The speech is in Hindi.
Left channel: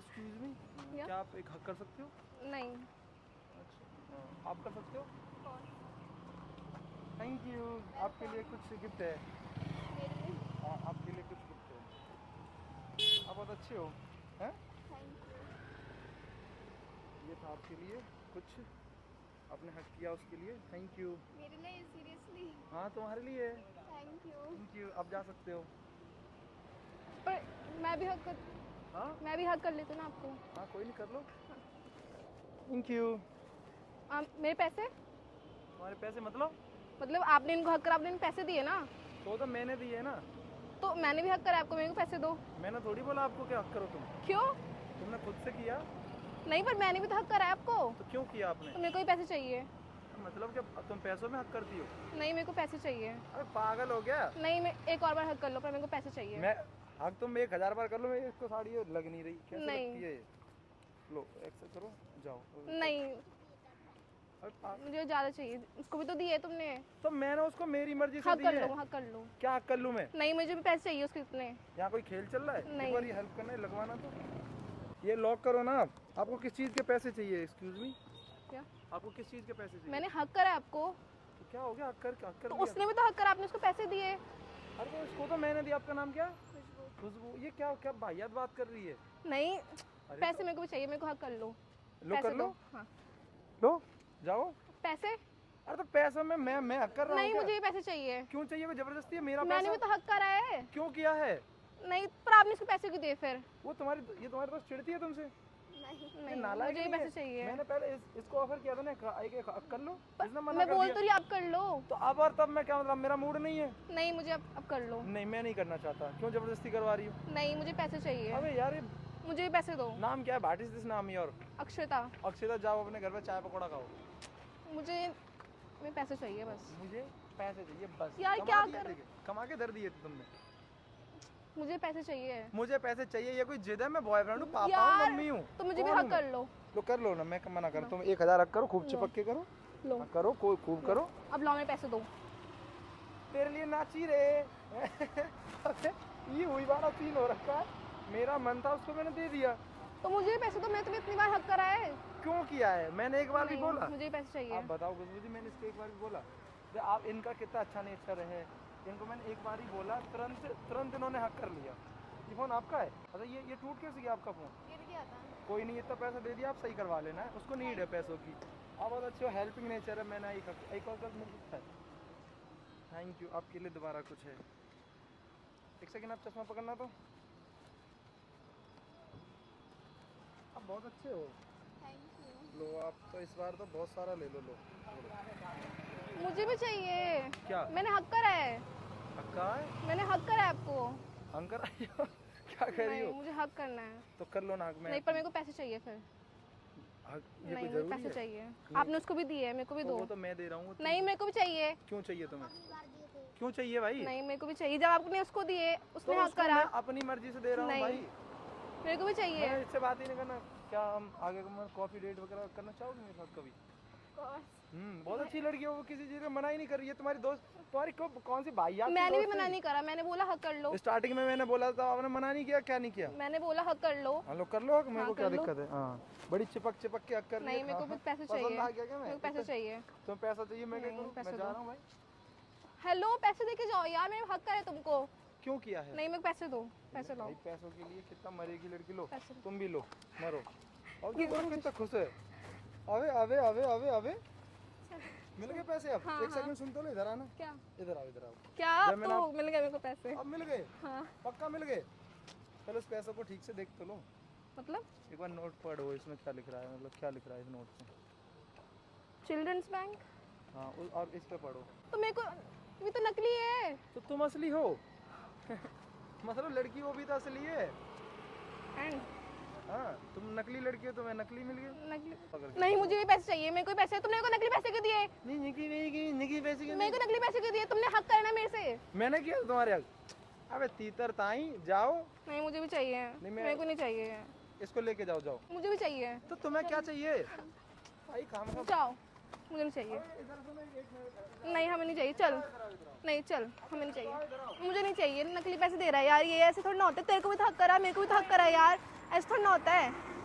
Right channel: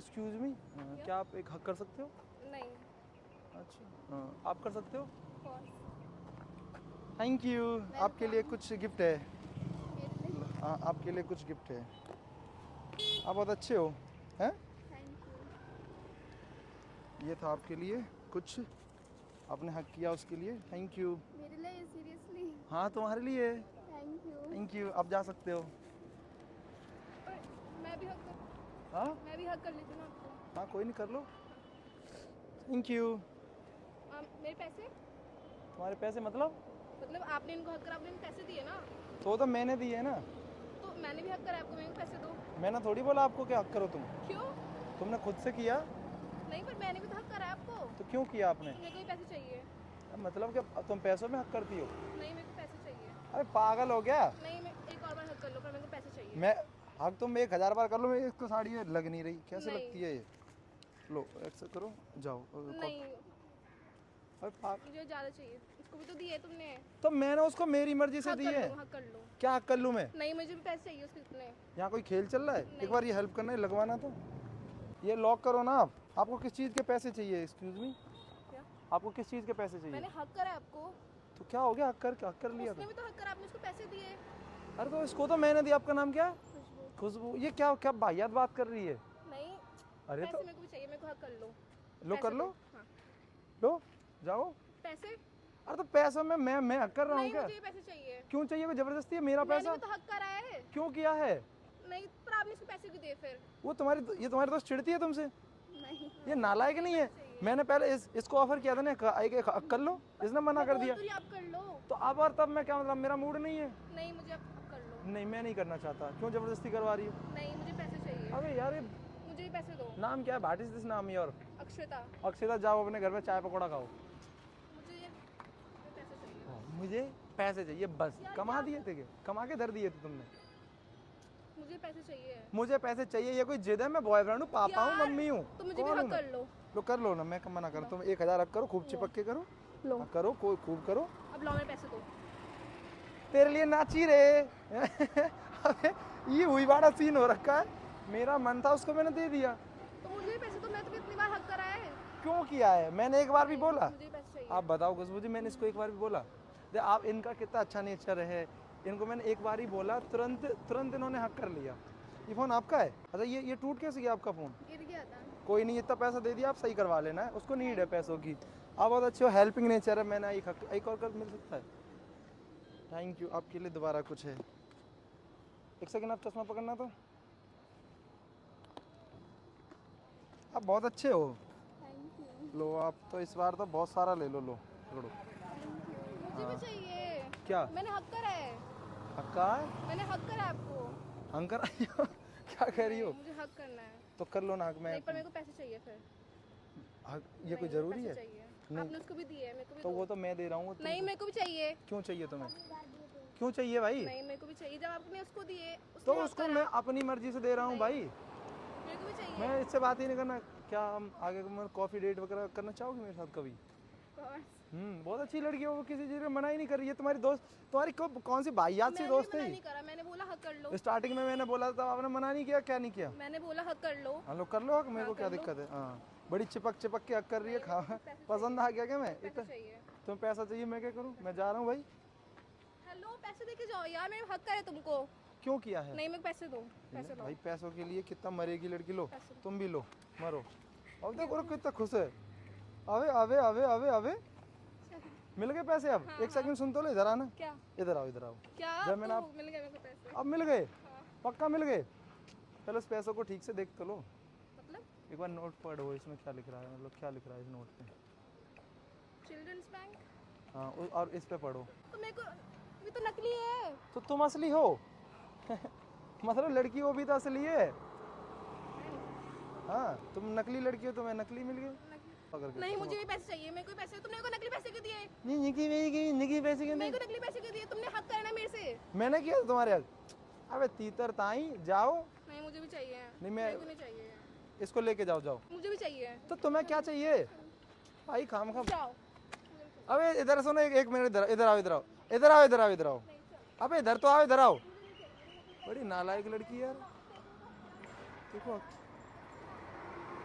एक्सक्यूज मी, क्या आप एक हक कर सकते हो? नहीं। अच्छा आप कर सकते हो? Thank you. आपके लिए कुछ गिफ्ट है। हाँ आपके लिए कुछ गिफ्ट है। आप बहुत अच्छे हो हैं। Thank you. ये था आपके लिए कुछ, आपने हक किया उसके लिए थैंक यू। मेरे लिए सीरियसली? हाँ तुम्हारे लिए। Thank you. Thank you. आप जा सकते हो। पर मैं भी हक कर हाँ मैं भी हक कर लेती हूँ ना आपको। हाँ कोई नहीं, कर लो। Thank you. मेरे पैसे? तुम्हारे पैसे मतलब आपने इनको हक कर, आपने इनको पैसे दिए ना, तो मैंने दिए ना। तो मैंने भी हक करा आपको, मेरे को पैसे दो। मैंने थोड़ी बोला आपको क्या हक करो तुम। क्यों? तुमने खुद से किया। नहीं, पर मैंने भी तो हक करा है आपको, तो क्यों किया आपने? तो मेरे को भी पैसे चाहिए। मतलब कि तुम पैसों में हक करती हो? नहीं, मेरे को पैसे चाहिए। अरे पागल हो गया। नहीं, मैं एक और बार हक कर लो, पर मेरे को पैसे चाहिए। मैं हक तुम 1000 बार कर लो, मेरी एक तो साड़ी ये लग नहीं रही, कैसे नहीं। लगती है ये। लो एक्सेप्ट करो, जाओ। नहीं, अरे मुझे ज़्यादा चाहिए। इसको भी तो दिए तुमने। तो मैंने उसको मेरी मर्जी से हक दिए कर लो, हैं। हक कर लो। क्या हक कर लूं मैं? नहीं, मुझे भी पैसे चाहिए उसके इतने। यहाँ कोई खेल चल रहा है? नहीं। एक बार ये हेल्प करना है, लगवाना तो ये लॉक करो ना आप। आपको किस चीज़ के पैसे चाहिए? एक्सक्यूज मी, क्या? आपको किस चीज़ के पैसे चाहिए? मैंने हक करा है आपको। तो क्या हो गया? हक कर तो लिया। उसने भी तो हक करा, आपने उसको पैसे दिए। अरे तो इसको तो मैंने दिया। आपका नाम क्या है? खुशबू। खुशबू। ये क्या क्या वाहियात बात कर रही है। नहीं, अरे पैसे तो मेरे को भी चाहिए, मेरे को हक कर लो। लो पैसे कर लो। दो। हाँ। लो जाओ। पैसे? अरे तो पैसों में मैं हक कर रहा हूँ नहीं, क्या? मुझे भी पैसे चाहिए। क्यों चाहिए? वो जबरदस्ती है मेरा मैंने पैसा। भी तो हक करा है। क्यों किया है? नहीं, पर आपने इसको पैसे क्यों दिए फिर? वो तुम्हारे दोस्त चिढ़ती है तुमसे। नहीं, ये नालायक मुझे नहीं पैसे है। चाहिए। मैंने पहले इसको ऑफर किया था ना, एक हक कर लो, इसने मना मैं कर बोल दिया। तो रही आप कर लो। तो अब और तब मैं क्या मतलब, मेरा मूड नहीं है। नहीं, मुझे अब कर लो। नहीं मैं नहीं करना चाहता। क्यों जबरदस्ती करवा रही हो? नहीं, मुझे पैसे चाहिए। अरे यार ये मुझे भी पैसे दो। नाम क्या है? व्हाट इज दिस नाम योर? अक्षता। अक्षता, जाओ अपने घर में चाय पकौड़ा खाओ। मुझे पैसे चाहिए बस। मुझे पैसे चाहिए बस। यार, कमा क्या दिए कर- थे, कमा के दर दिए थे तुमने। मुझे पैसे चाहिए। मुझे पैसे चाहिए, ये कोई जिद है? मैं बॉयफ्रेंड हूँ, पापा हूँ, यार, मम्मी हूँ। तो मुझे भी कौन हक हूँ कर मैं? लो। लो कर लो ना, मैं मना कर। तुम 1000 हक करो, खूब चिपक के करो। लो। हाँ, करो खूब करो। अब लो, मेरे पैसे दो। तेरे लिए नाची रे। अबे, ये हुई वाला सीन हो रखा है। मेरा मन था, उसको मैंने दे दिया। तो मुझे भी पैसे दो, मैं तुम्हें इतनी बार हक करा है। क्यों किया है? मैंने एक बार भी नहीं, बोला? मुझे भी पैसे चाहिए। आप बताओ खुशबू जी, मैंने इसको एक बार भी बोला? आप इनका कितना अच्छा नेचर है। इनको मैंने एक बार ही बोला, तुरंत इन्होंने हक कर लिया। ये फोन आपका है? अच्छा ये टूट कैसे गया आपका फोन? गिर गया था। कोई नहीं, इतना पैसा दे दिया, आप सही करवा लेना है। उसको नीड है पैसों की। आप बहुत अच्छे हो, हेल्पिंग नेचर है। मैंने एक और कर मिल सकता है। Thank you. आपके लिए दोबारा कुछ है। एक सेकंड, आप चश्मा पकड़ना तो। आप बहुत अच्छे हो। Thank you. लो आप तो इस बार तो बहुत सारा ले लो। लो पकड़ो। मुझे भी चाहिए। क्या? मैंने हक करा है। हक्का है? मैंने हक करा है आपको। अंकर आई हो? क्या कर रही नहीं, हो? मुझे हक करना है। तो कर लो ना हक में। नहीं, पर मेरे को पैसे चाहिए फिर। ये नहीं, कोई मुझे जरूरी पैसे है? चाहिए। आपने उसको भी दिए, मेरे को भी तो दो। वो तो मैं दे रहा हूँ। नहीं, मेरे को भी चाहिए। क्यों चाहिए तुम्हें? क्यों चाहिए भाई? नहीं, मेरे को भी चाहिए। जब आपने उसको दिए, तो उसने हक उसको करा। मैं अपनी मर्जी से दे रहा हूँ नहीं। भाई। मेरे को भी चाहिए। मैं इससे बात ही नहीं करना। क्या हम आगे कॉफी डेट वगैरह करना चाहोगे मेरे साथ कभी? बहुत अच्छी लड़की है वो, किसी चीज में मना ही नहीं कर रही है। तुम्हारी दोस्त, तुम्हारी कौन सी भाईयात से मैंने भी दोस्त मना है? नहीं करा, मैंने बोला हक कर लो। स्टार्टिंग में मैंने बोला था, आपने मना नहीं किया। क्या नहीं किया? मैंने बोला हक कर लो। हेलो कर लो, मेरे को हाँ, क्या कर लो। दिक्कत है? हाँ बड़ी चिपक के हक कर रही नहीं, है। मेरे को भी पैसे चाहिए। पसंद आ गया क्या? मैं मेरे को पैसे चाहिए। तुम्हें पैसा चाहिए, मैं क्या नहीं, करूँ? पैसे मैं जा दो। रहा हूँ भाई। हेलो, पैसे दे के जाओ यार, मेरे हक करे तुमको। क्यों किया है? नहीं, मेरे को पैसे दो। पैसे दो। भाई पैसों के लिए कितना मरेगी लड़की। लो पैसे दो। तुम भी लो, मरो। और देखो कितना खुश है। आवे मिल गए पैसे अब? हाँ, एक सेकंड सुन तो लो, इधर आना। क्या? इधर आओ। क्या? जब अब मैंने तो मिल गए मेरे को पैसे। अब मिल गए? हाँ। पक्का मिल गए? चलो इस पैसों को ठीक से देख तो लो। मतलब एक बार नोट पढ़ो, इसमें क्या लिख रहा है, मतलब क्या लिख रहा है इस नोट में? Children's bank. हाँ और इस पे पढ़ो। तो मेरे को, ये तो नकली है। तो तुम असली हो। मतलब लड़की वो भी तो असली है। And हाँ तुम नकली लड़की हो, तुम्हें नकली मिल गई। नकली। नहीं, मुझे भी पैसे चाहिए। मेरे को भी पैसे। तुमने मेरे को नकली पैसे क्यों दिए? नहीं निकी पैसे के मेरे को नकली पैसे क्यों दिए? तुमने हक करना मेरे से। मैंने किया तुम्हारे हक? अबे तीतर ताई जाओ। नहीं, मुझे भी चाहिए। नहीं, मेरे को नहीं चाहिए। इसको लेके जाओ। मुझे भी चाहिए। तो तुम्हें क्या चाहिए भाई? काम खा। जाओ, मुझे नहीं चाहिए। अबे इधर सुनो, एक मिनट इधर आओ। नहीं, हमें नहीं चाहिए, इधर आओ। नहीं, चल। अबे इधर तो आओ, इधर आओ। मुझे नहीं चाहिए। नकली पैसे दे रहा है यार, ये ऐसे थोड़ा ना होते। तेरे को भी तो हक करा, मेरे को भी तो हक करा यार। ऐसा थोड़ा ना होता है।